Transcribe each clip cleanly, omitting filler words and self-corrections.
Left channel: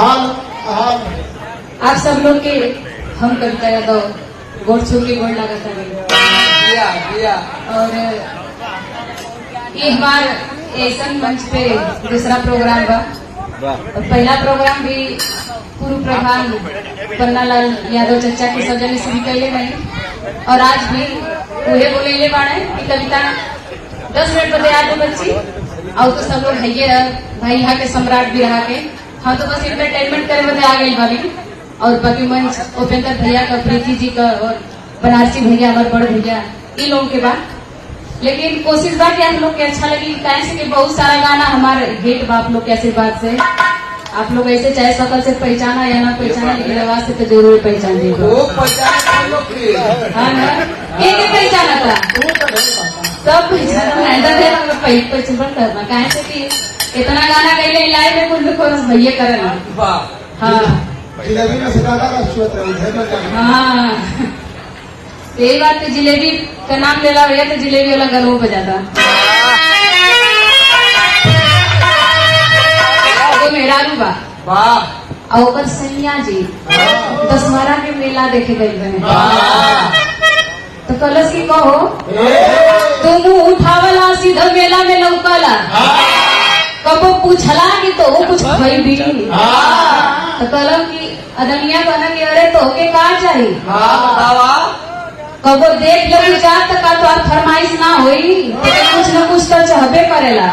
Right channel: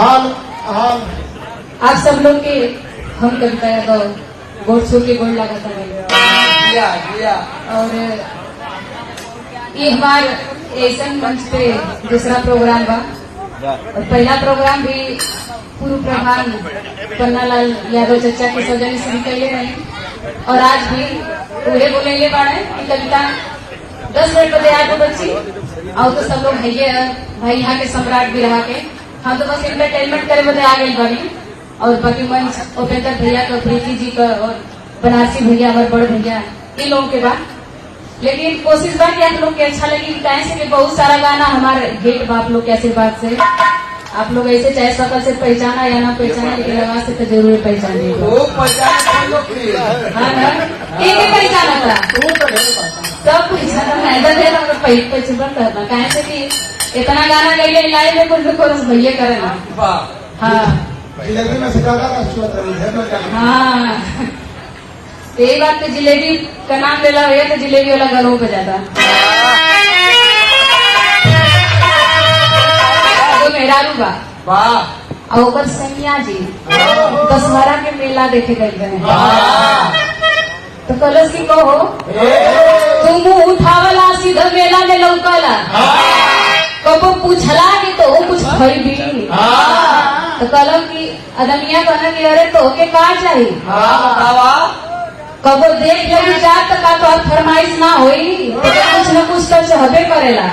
हाल हाल आप सब लोग के हम कविता यादव गोड़ छू के गोड़ लगाता गए और ये हमार ऐसा मंच पे दूसरा प्रोग्राम बा और पहला प्रोग्राम भी पूर्व प्रधान पन्नालाल यादव चचा के सौजन्य से भी कैले रही और आज भी उहे बोले बाड़े कि कविता 10 मिनट बदे आते बच्ची और तो सब लोग भैया भाई यहाँ के सम्राट भी रहा के हम तो बस एंटरटेनमेंट करे बदे आ गई बारी और बाकी मंच उपेंद्र भैया का प्रीति जी का और बनारसी भैया हमारे बड़े भैया इन लोगों के बाद लेकिन कोशिश बा कि आप लोग के अच्छा लगी कहे से कि बहुत सारा गाना हमारे हिट बा आप लोग के आशीर्वाद से आप लोग ऐसे चाहे सकल से पहचाना या ना पहचाना लेकिन आवाज से तो जरूर पहचान देगा हाँ ना एक पहचाना था सब पहचाना है पहचान करना कहे से कि इतना गाना गई लाइव में कुछ को भैया करना हाँ हाँ यही बात तो जिलेबी का नाम लेला भैया तो जिलेबी वाला घर हो बजाता वो मेहरारू बा और ओकर सैया जी दशहरा के मेला देखे गए बने तो कलश की कहो तुम उठावला सीधा मेला में लौकला कबो पूछला कि तो कुछ खरीदी तो कलम की अदमिया कहना कि अरे तो के का चाहिए कबो देख लगी जात तो का तो फरमाइश ना होई तो कुछ न कुछ तो चाहबे करेला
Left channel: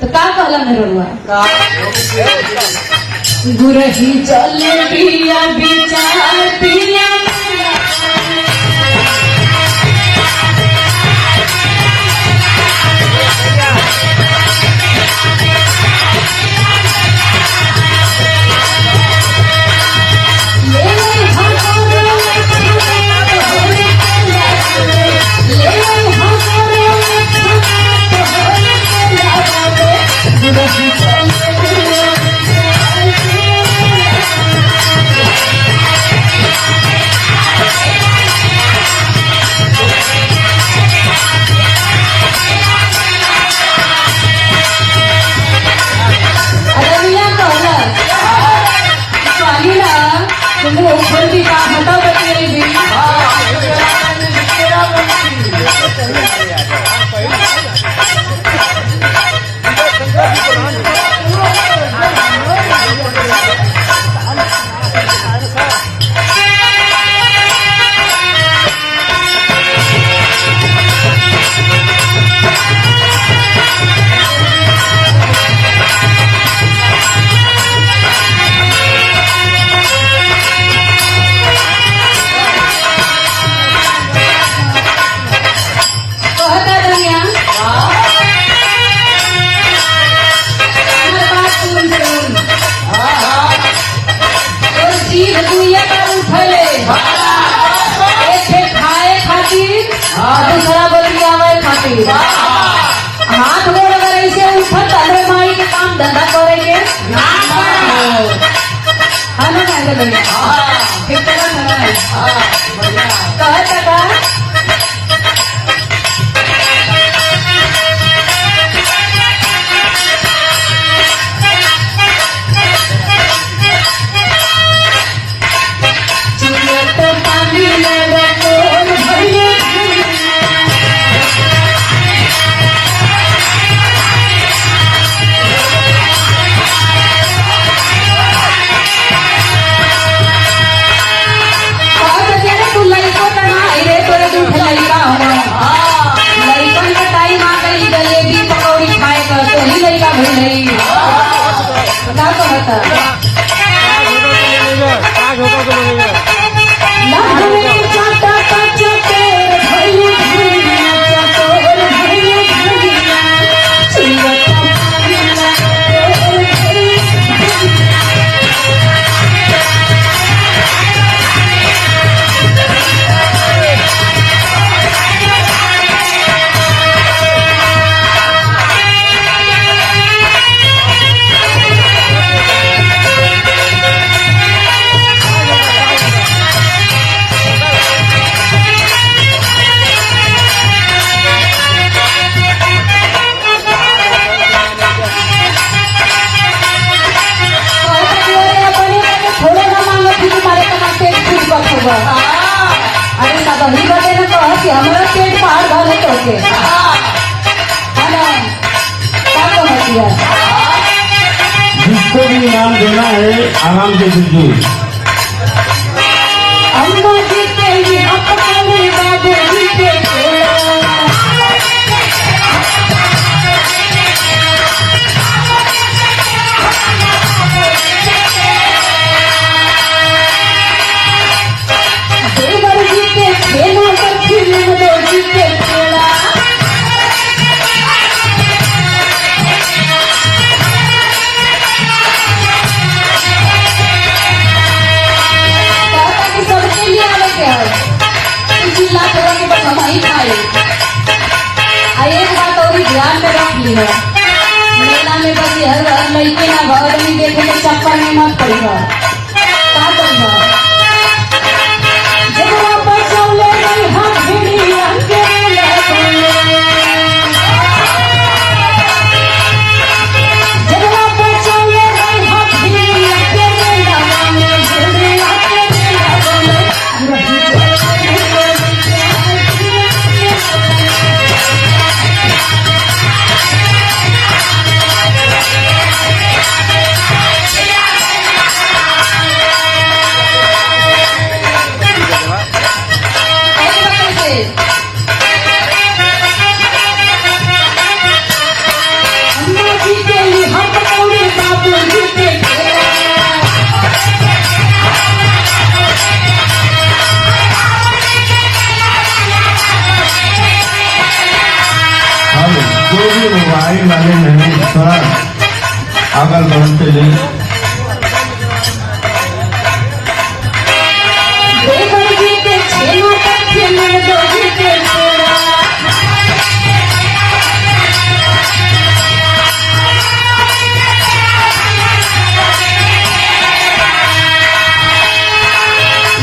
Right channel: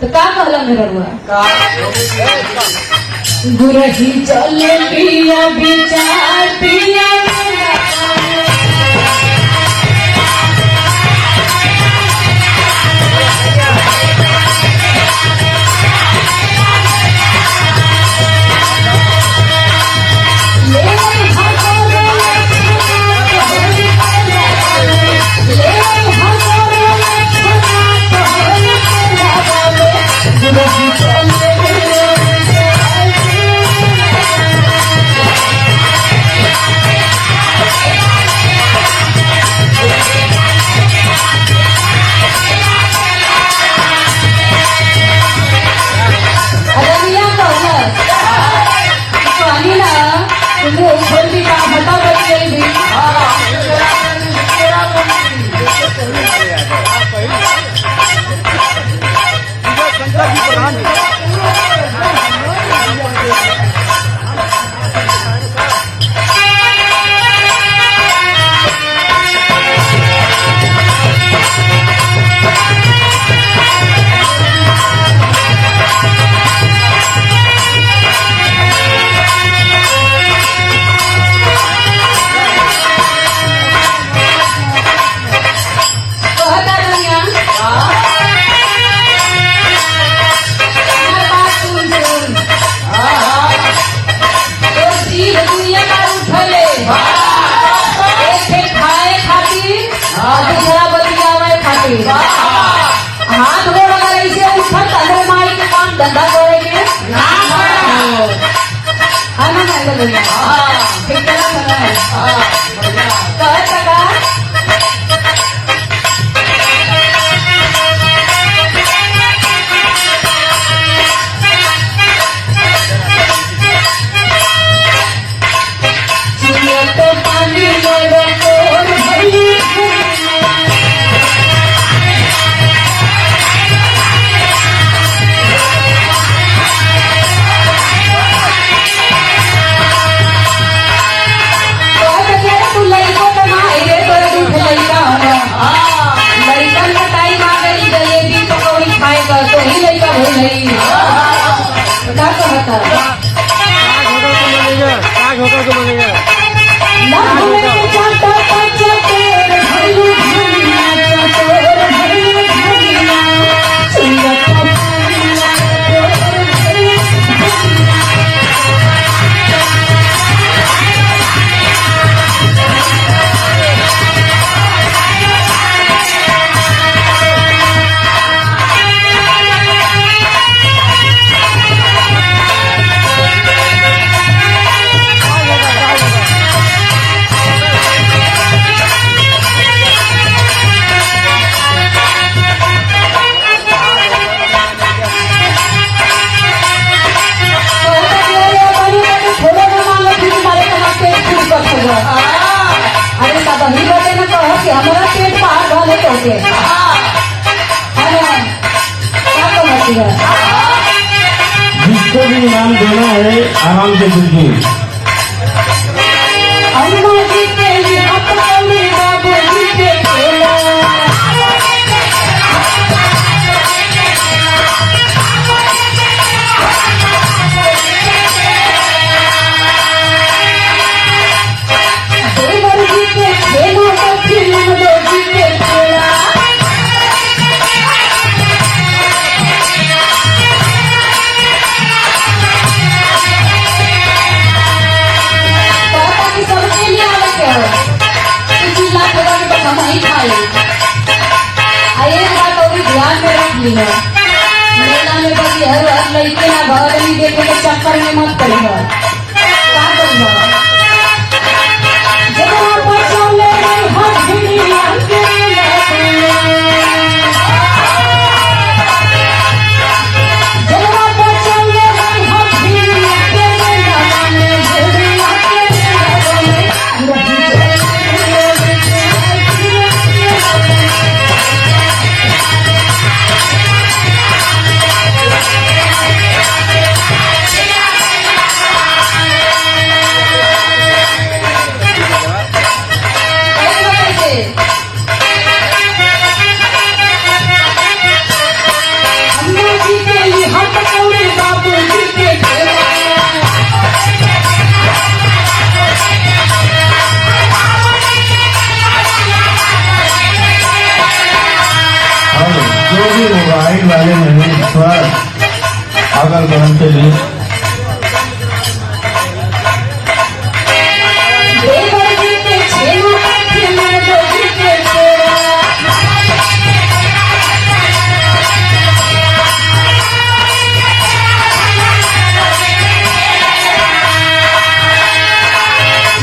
तो का कहला मेरा रुआ गुरही चले पिया विचार पिया छोटी का हटा बची भी दूसरा बतियावे खातिर हाथ गोड़ अगर ऐसे उठत अरे माई के काम धंधा करेंगे हाँ ना ठीक है तो पानी ले लड़कन का टाइम आ गई जलेबी पकौड़ी खाए का तो ही लड़का भई क्या कहता के है ना? क्या कहती है? जिसको भी इनाम देना है आराम से दीजिए। अम्मा जी के लिए अपने बाबू जी के खेला, देवर जी के खेला सखी नंदो जी के खेला, कहता कि सबके लिए आवे के हो, चिल्ला पूरा के बस हम ही खाए। आ एक बात और ध्यान में रख ली है, मेला में बस हर लड़के ना घर नहीं देखे के चक्कर में मत पड़ी हो। का करी हो? जब आप चले गए हम भिड़िया के लगले, जब आप चले गए हम भिड़िया के लगले, भिड़िया के लगले, अम्मा जी के लिए हम पकौड़े बाबू जी के खेला, और जो भी मोबाइल वाले हैं थोड़ा अगल बगल से ले। देवर जी के खेला सखी नंदो जी के खेला,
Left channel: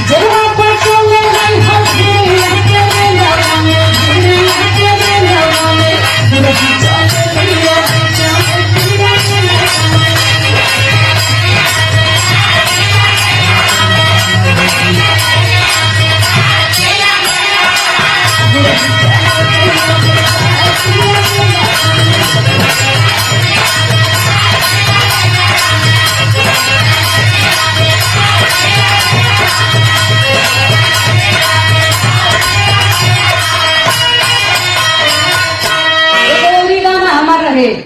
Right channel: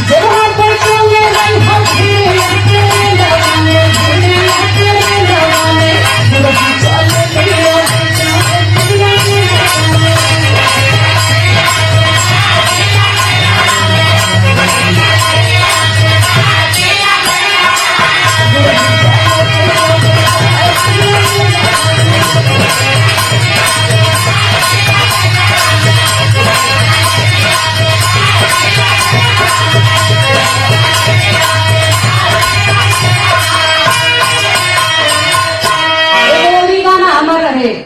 जब आप चले गए हम भिड़िया के लगले, भिड़िया के लगले, बुढ़ी चल गई भिड़िया के लगले। एक और भी गाना हमारा रहे।